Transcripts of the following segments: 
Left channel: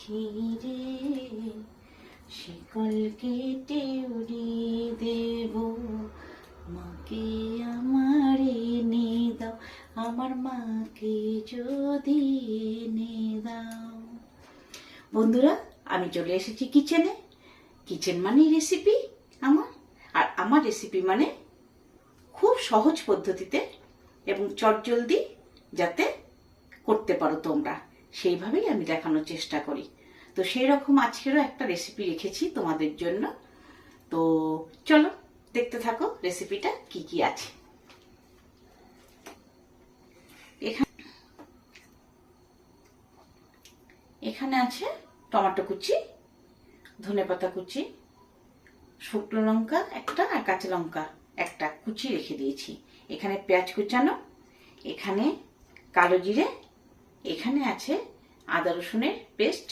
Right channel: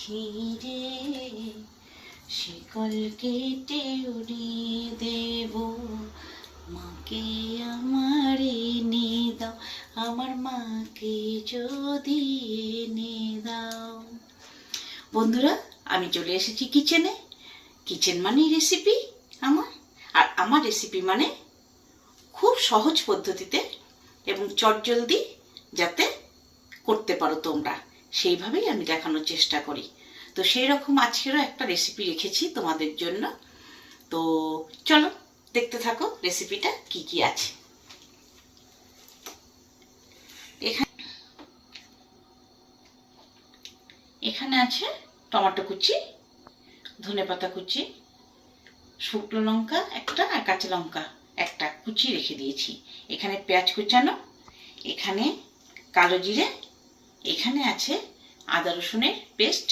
পাখি রে শিকল কেটে উড়িয়ে দেব। মাকে আমার এনে দাও, আমার মাকে যদি এনে দাও। বন্ধুরা, আমি চলে এসেছি কিচেনে। কিচেন মানে রেসিপি আমার। আর আমার রেসিপি মানে খুব সহজ পদ্ধতিতে এবং চটজলদি যাতে করতে পারো তোমরা। সেইভাবেই আমি দেখানোর চেষ্টা করি। তো সেই রকম আজকেরও একটা রেসিপি রেখেছি তোমাদের জন্য। তো চলো, দেখতে থাকো রেসিপিটা কি কি আছে। এখানে এখানে আছে টমেটো কুচি ধনেপাতা কুচি, শুকনো লঙ্কা একটা আর কাঁচা লঙ্কা একটা কুচি রেখে দিয়েছি। এখানে পেঁয়াজ কুচানো, এখানে কালো জিরে এখানে আছে আদা রসুনের পেস্ট,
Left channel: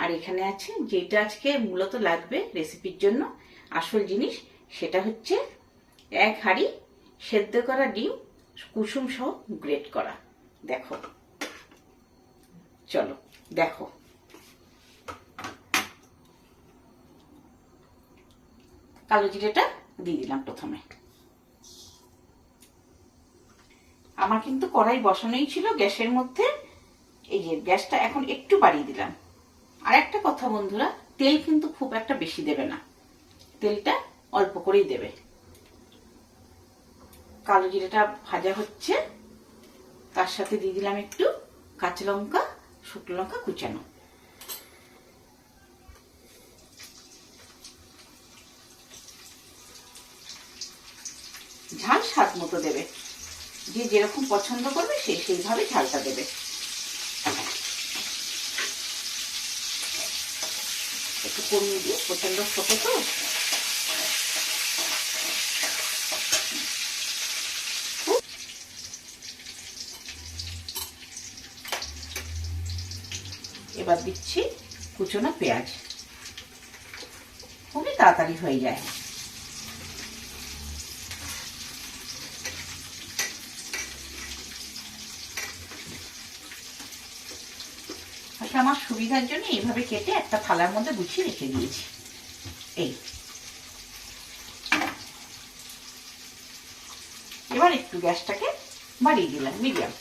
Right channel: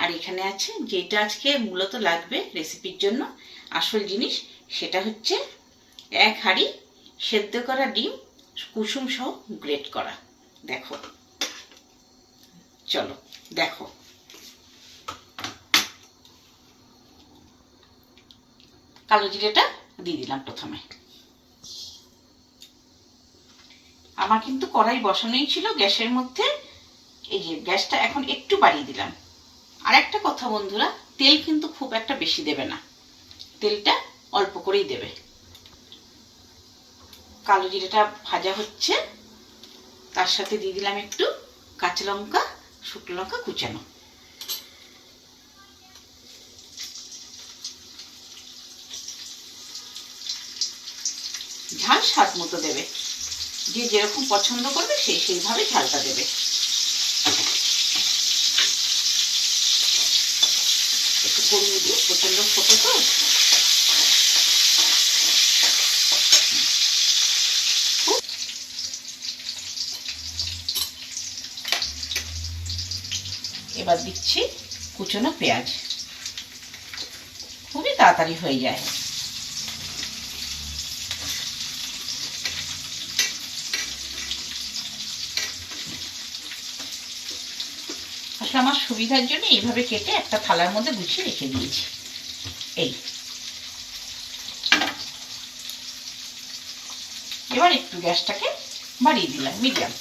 আর এখানে আছে যেটা আজকে মূলত লাগবে রেসিপির জন্য, আসল জিনিস সেটা হচ্ছে এক হাঁড়ি সেদ্ধ করা ডিম, কুসুম সহ গ্রেট করা। দেখো। চলো, দেখো। কালো জিরেটা দিয়ে দিলাম প্রথমে। আমার কিন্তু কড়াই বসানোই ছিল গ্যাসের মধ্যে। এই যে গ্যাসটা এখন একটু বাড়িয়ে দিলাম। আর একটা কথা বন্ধুরা, তেল কিন্তু খুব একটা বেশি দেবে না। তেলটা অল্প করেই দেবে। কালো জিরেটা ভাজা হচ্ছে। তার সাথে দিয়ে দিলাম একটু কাঁচা লঙ্কা, শুকনো লঙ্কা কুচানো। ঝাল স্বাদ মতো দেবে। যে যেরকম পছন্দ করবে সেই সেইভাবে ঝালটা দেবে। কমিয়ে দিও প্রচণ্ড ছোটো তো। এবার দিচ্ছি কুচনো পেঁয়াজ। খুবই তাড়াতাড়ি হয়ে যায়। আমার সুবিধার জন্য এইভাবে কেটে একটা থালার মধ্যে গুছিয়ে রেখে দিয়েছি। এই। এবার একটু গ্যাসটাকে বাড়িয়ে দিলাম, মিডিয়াম।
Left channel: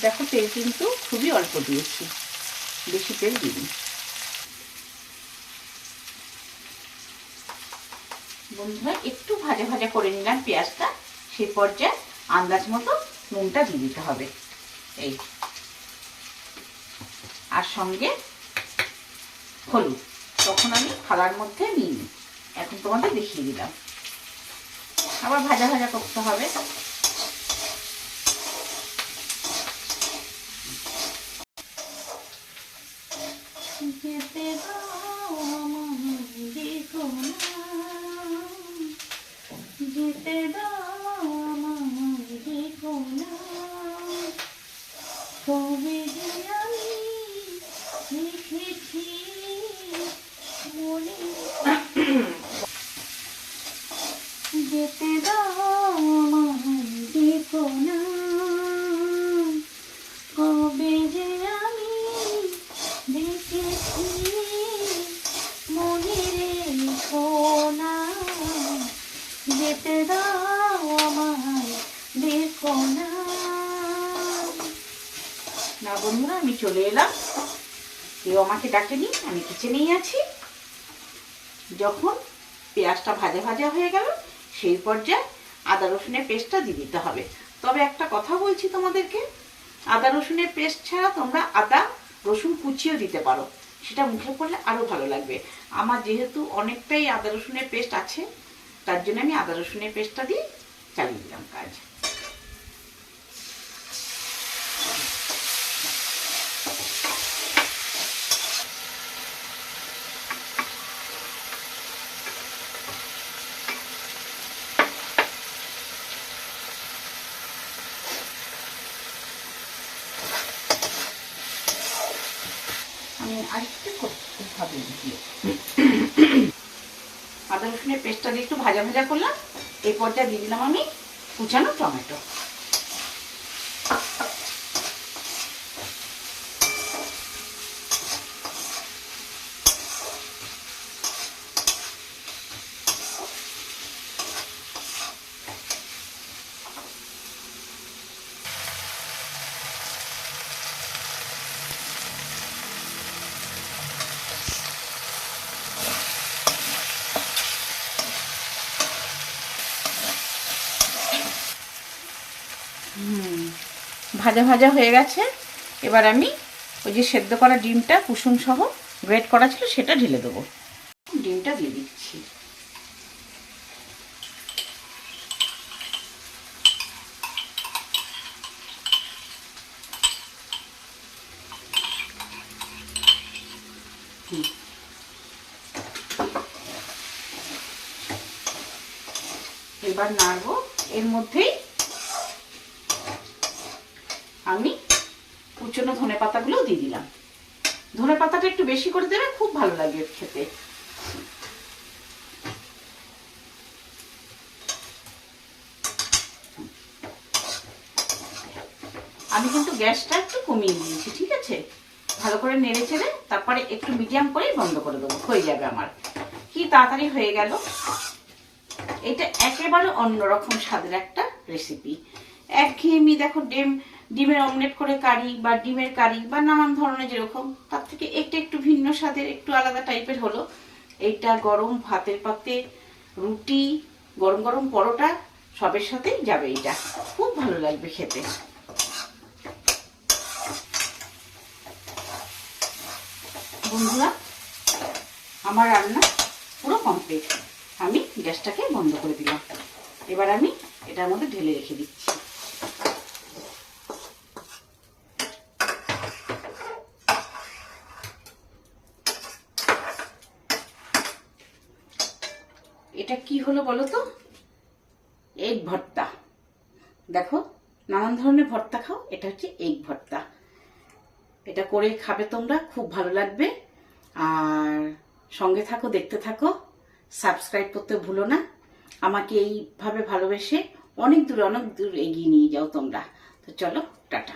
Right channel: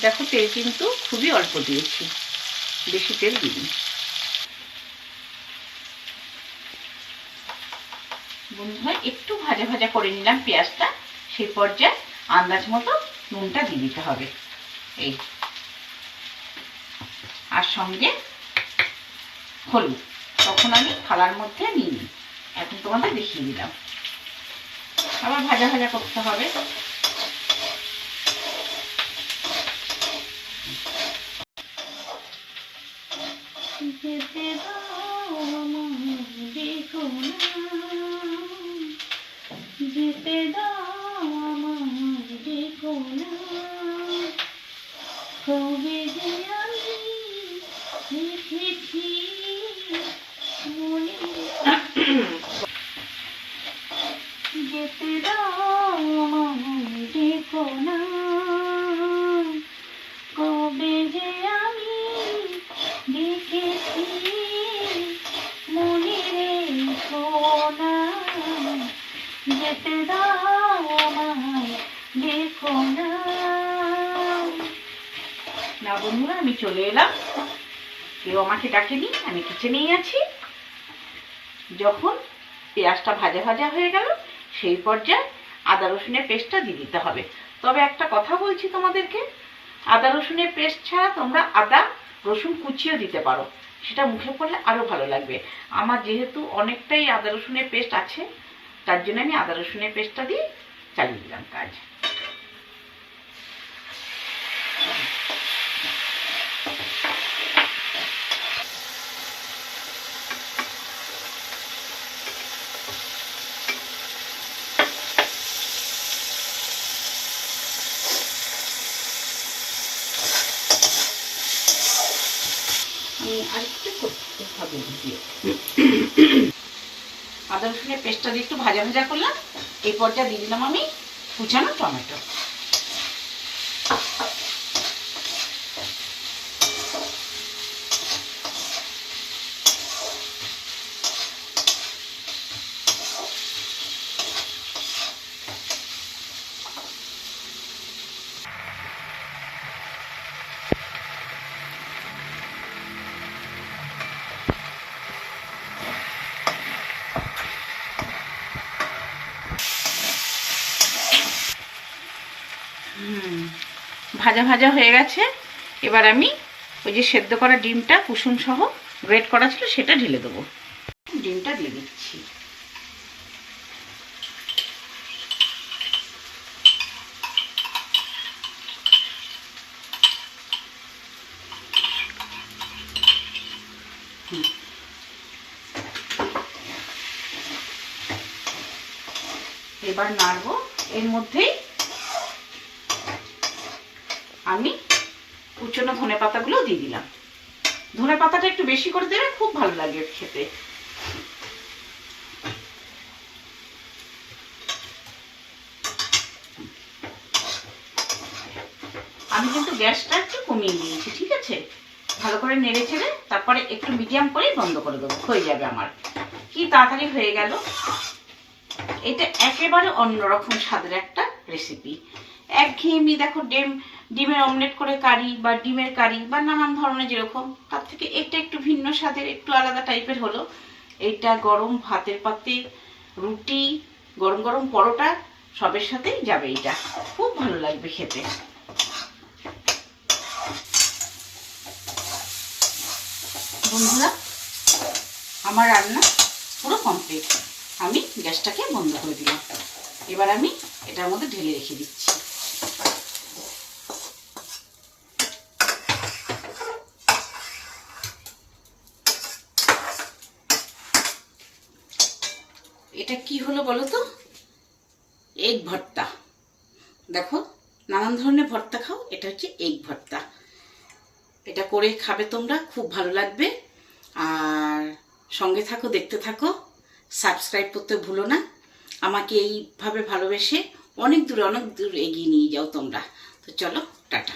দেখো তেল কিন্তু খুবই অল্প দিয়েছি। বেশি তেল দিইনি। বন্ধুরা, একটু ভাজা ভাজা করে নিলাম পেঁয়াজটা। সেই পর্যায়ে আন্দাজ মতো নুনটা দিয়ে দিতে হবে। এই। আর সঙ্গে হলুদ। তখন আমি থালার মধ্যে নিই এখন তোমাদের দেখিয়ে দিলাম। আবার ভাজা ভাজা করতে হবে। যেতে দাও আমায় দেখো যেতে দাও আমায় না বন্ধুরা, আমি চলে এলাম। কেউ আমাকে ডাকেনি, আমি কিচেনেই আছি। যখন পেঁয়াজটা ভাজা ভাজা হয়ে গেল, সেই পর্যায়ে আদা রসুনের পেস্টটা দিয়ে দিতে হবে। তবে একটা কথা বলছি তোমাদেরকে, আদা রসুনের পেস্ট ছাড়া তোমরা আদা, রসুন কুচিও দিতে পারো। সেটা মুখে পড়লে আরও ভালো লাগবে। আমার যেহেতু অনেকটাই আদা রসুনের পেস্ট আছে তার জন্য আমি আদা রসুনের পেস্টটা দিয়ে চালিয়ে দিলাম কাজ। আমি আরেকটু করতে হবে। দিয়ে আদা রসুনের পেস্টটা দিয়ে একটু ভাজা ভাজা করলাম। এই পর্যায়ে দিয়ে দিলাম আমি কুচানো টমেটো। ভাজা ভাজা হয়ে গেছে। এবার আমি ওই যে সেদ্ধ করা ডিমটা, কুসুম সহ গ্রেট করা ছিল, সেটা ঢেলে দেবো। ডিমটা দিয়ে দিচ্ছি। এবার নাড়বো। এর মধ্যেই আমি কুচনো ধনে পাতাগুলো দিয়ে দিলাম। ধনে পাতাটা একটু বেশি করে দেবে খুব ভালো লাগে খেতে। আমি কিন্তু গ্যাসটা একটু কমিয়ে দিয়েছি ঠিক আছে? ভালো করে নেড়ে চেড়ে তারপরে একটু মিডিয়াম করেই বন্ধ করে দেবো, হয়ে যাবে আমার। কি তাড়াতাড়ি হয়ে গেল? এটা একেবারে অন্যরকম স্বাদের একটা রেসিপি একঘেয়েমি, দেখো, ডিম ডিমের অমলেট করে কারি বা ডিমের কারি বা নানান ধরনের যেরকম, তার থেকে এটা একটু ভিন্ন স্বাদের, একটু আলাদা টাইপের হলো। এইটা গরম ভাতের পাতে, রুটি, গরম গরম পরোটা, সবের সাথেই যাবে এটা। খুব ভালো লাগবে খেতে। বন্ধুরা, আমার রান্না পুরো কমপ্লিট আমি গ্যাসটাকে বন্ধ করে দিলাম। এবার আমি এটার মধ্যে ঢেলে রেখে দিচ্ছি। এটা কি হলো বলো তো? এগ ভর্তা। দেখো, নানান ধরনের ভর্তা খাও, এটা হচ্ছে এগ ভর্তা। এটা করে খাবে তোমরা, খুব ভালো লাগবে। আর সঙ্গে থাকো, দেখতে থাকো, সাবস্ক্রাইব করতে ভুলো না। আমাকে এইভাবে ভালোবেসে অনেক দূর অনেক দূর এগিয়ে নিয়ে যাও তোমরা। তো চলো, টাটা।